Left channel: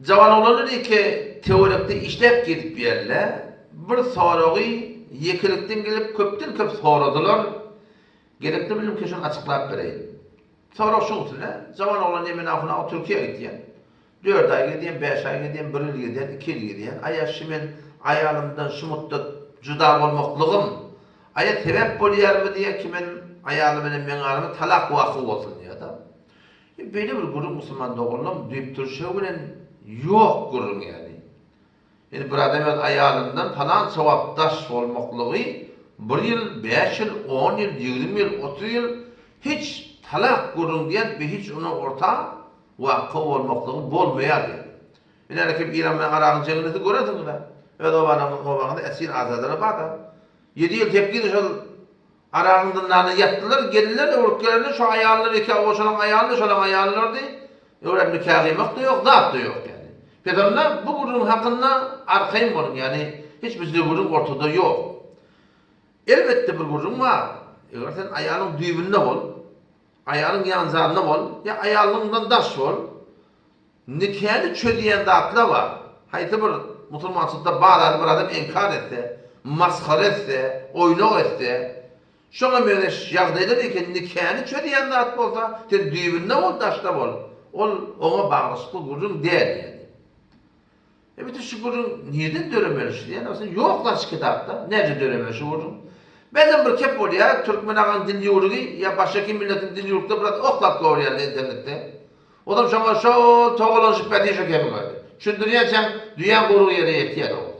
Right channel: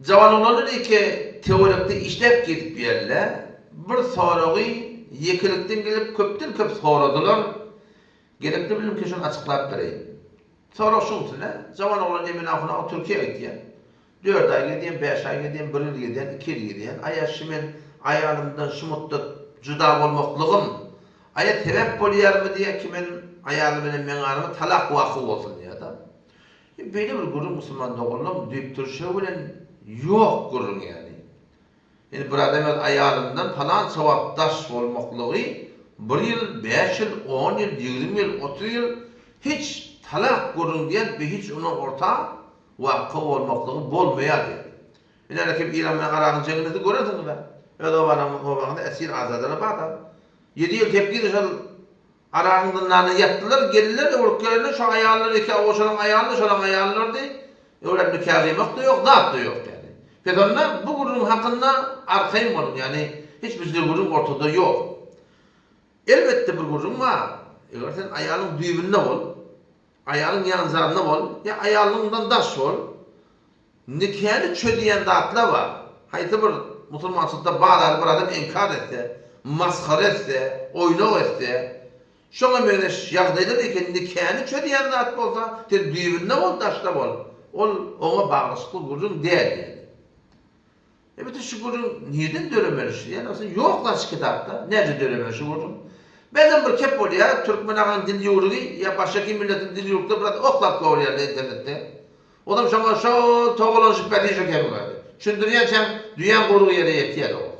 Jawan olanlar ki teorikte işlep gidip yerle bir soruğu yekilikten gelip köpten köp soradılar. Gerekli bilim ki şunu açıklap vereyim. Soruq şunu tüne, jawan olan emin afına Türkiye gitdiyen. 4 ay gidiyen, 5 ay gidiyen, 1 yıl gidiyen, 2 yıl gidiyen. Aya şimen ayalımdan şu mutlu juda bolmaklığım. Aya sebep bolýar mı diye kimen ayalım bilen men aramy talak wagty bolsun ya da. Böyle bir gurur Müslüman doğulum deyip duruşu bilen yok gurur yani. Yani bir adam ayalımdan falan sevapdaş olmaklığı 1 yıl, 5 yıl, 10 yıl, 20 yıl, 30 yıl hiç talak gurur diyen bir hiç onun orta vakı olmaklığı bolmaýar yani. Yani rakip İran'ın Arağın cenneti göresin da. Evet o bana esir azadına bağda. 7 yıl tepkir şol Arağındanlarını yattılar, geldiler, ülkelerine şu ayarları, şunun ayarları diye. Öyle nükâhimek de yok, zat da yok yani. Peygamber bu gururun hakkında arkayım var yani. Hiç bizde gurur ortada yok. Elbette bir gururun var. Eğer sen ayağının düğününde ol, ayağının yanzarında ol, ya ayağından daş ol, nikahını çödeyen zatlar var. Haydi bir Müslümanlıkta bağlar bir adam inkar etse, maskara etse, oynak etse, şoňa mene ýagdaýda eken nikahny çödeýän zat bolsa, sen düýbünde bol, daşda bol. Ol oňa baglanşykly gurrun däl ýani. Bütün şu gurrun niýeden döremelişdi? Ýani sen ýoklar şu kitapda. Näce döremelişdi gurrun? Bezen bir kep bolýar, türkmen agan dil ýurgy ýa başga kim milletin dil ýurtda bir oklap görýär internetde. Odam şoňa şo togalanşyp bädişe kemgädi. Şundurýançam düýän gurru ýere ýetýär o.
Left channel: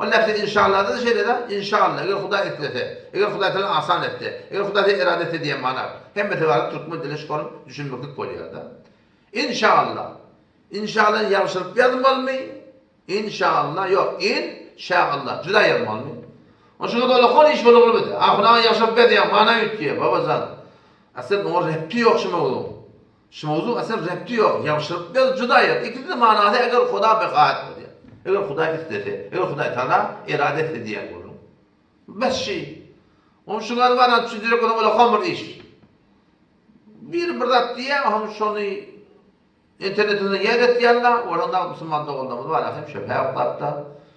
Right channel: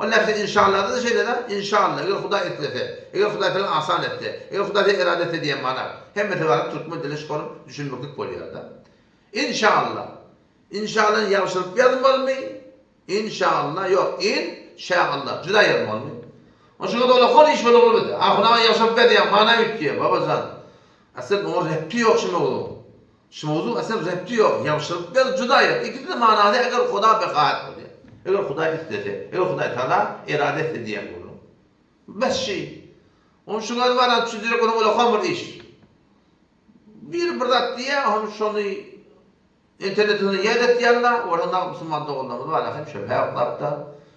O nefsi inşallah da şeyde de inşallah eğer Huda etlese, eğer Huda tele asan etti, eğer Huda tele irade etti diye mana. Hem metevarik Türkmen dili şkolum düşünmeklik bolýar da. İnşallah. İnşallah yavşırıp yazmalı mı? İnşallah yok. İnşallah. Cüda yazmalı mı? O şunu da öyle konu iş böyle olmadı. Ahuna yavşırıp yazmalı mana yutkiye babazan. Aslında onun repti yok şimdi oğlum. Şimdi oğlum aslında repti yok. Yavşırıp yaz cüda yaz. İkisi de manada eğer Huda bekaat bolýar. Eger Huda istese, eger Huda Taala irade etse diýen bolur. Bes şey. Onu şuňa baran düşündirek onu ola hamur iş. Bir zat diye onu şonu internetinde ýerlet ýanda, oranda Müslüman dogulmamız var. Hem şöpe ýaklapda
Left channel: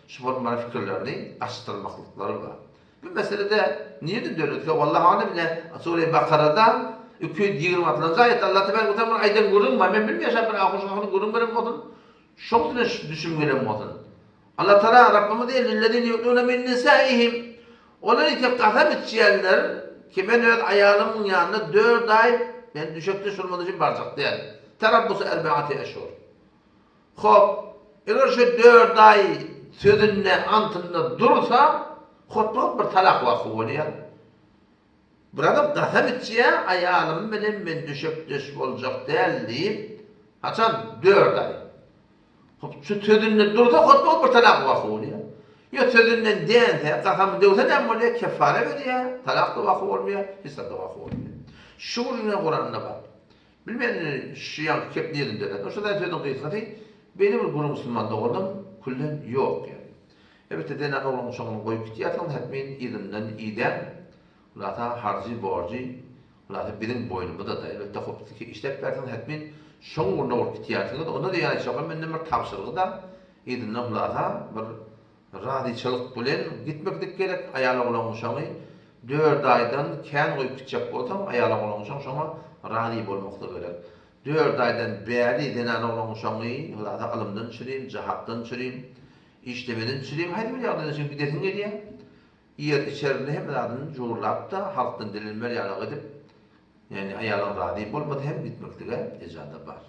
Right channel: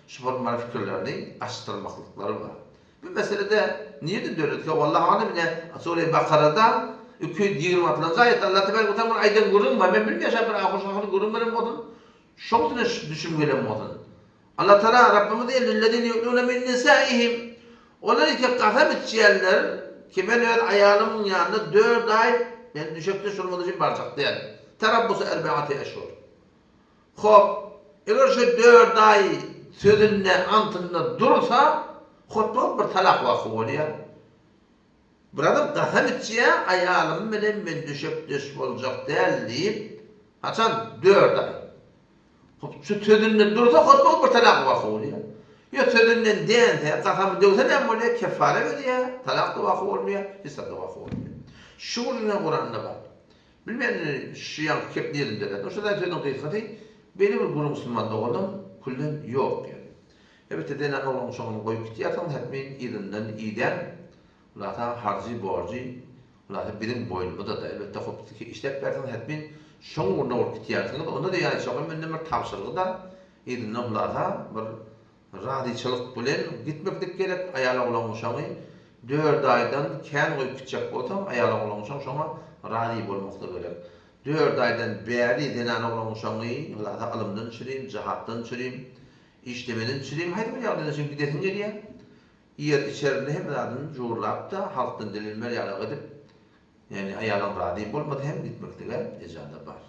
şu bolmary fikirlerini aşdyrmaklyklary var. Bu meselede niýede döretke wallahi alim ile Sure Bakara'da 220 atlanca ayet Allah Teala bu tamam aýdan görünme men bilmeýär bir ahuşyny görünmeden bolsun. Şoň düşünmelen bolsun. Allah Teala Rabbimiz diýer lillezine yu'minuna min nisaihim. Onlar ki qasam etýänler ki men ayalymyň ýanynda 4 ay men düşekde şurmady üçin barjak diýer. Terabbus 4 eşhur. Hop, eger şu 4 ay sözünde antynda dursa, hotbap bir talak wagty bolýar. Bir adam qasam etýär, ayalym bilen men düşekde boljak däl diýip, haçan 4 ay. Şu sözünden dursa hotbap bir talak wagty bolýar. Yo sözünden däňse, qasam döwse näme bolýar? Kefare berýär, talak da wagty bolmaýar, hissa da wagty bolmaýar. Şu ne Kur'an'da var. Bilmeyen şu yan kep yerinde de. O şurada söyledim kıyıkatı. Benim bir guru Müslüman doğdum. Kullen yok yani. Evet denen olan sonunu koyup gitiyatan hetmeyin iyinden iyiden. Ulata harcı borcu. Ulata birin boynumu da elbette koptaki işlep verden hetmeyin son günde olup gitiyatın. Onda da yani çok önemli bir tavsırgı da iyinden ulata bir radiyçılık bilen gitmeklik gerek ayarlı olan uşağı. 4 aydan kän goýup gitjek bolsam aýaly bolan şoň şoňa rady bolmakda gerek. 4 aydan bäri denen bolan şoňy ulata alymdan çüreyim, jahatdan çüreyim, işlemeden çüreyim. Haýdy bir ýagdaýda şeň gidesin diýär. Ýer içerinde hem adyn jurlap da halkdan dilinmer ýaly edip, yani aýalyň rady bolmady hem gitmekdige ejada bar.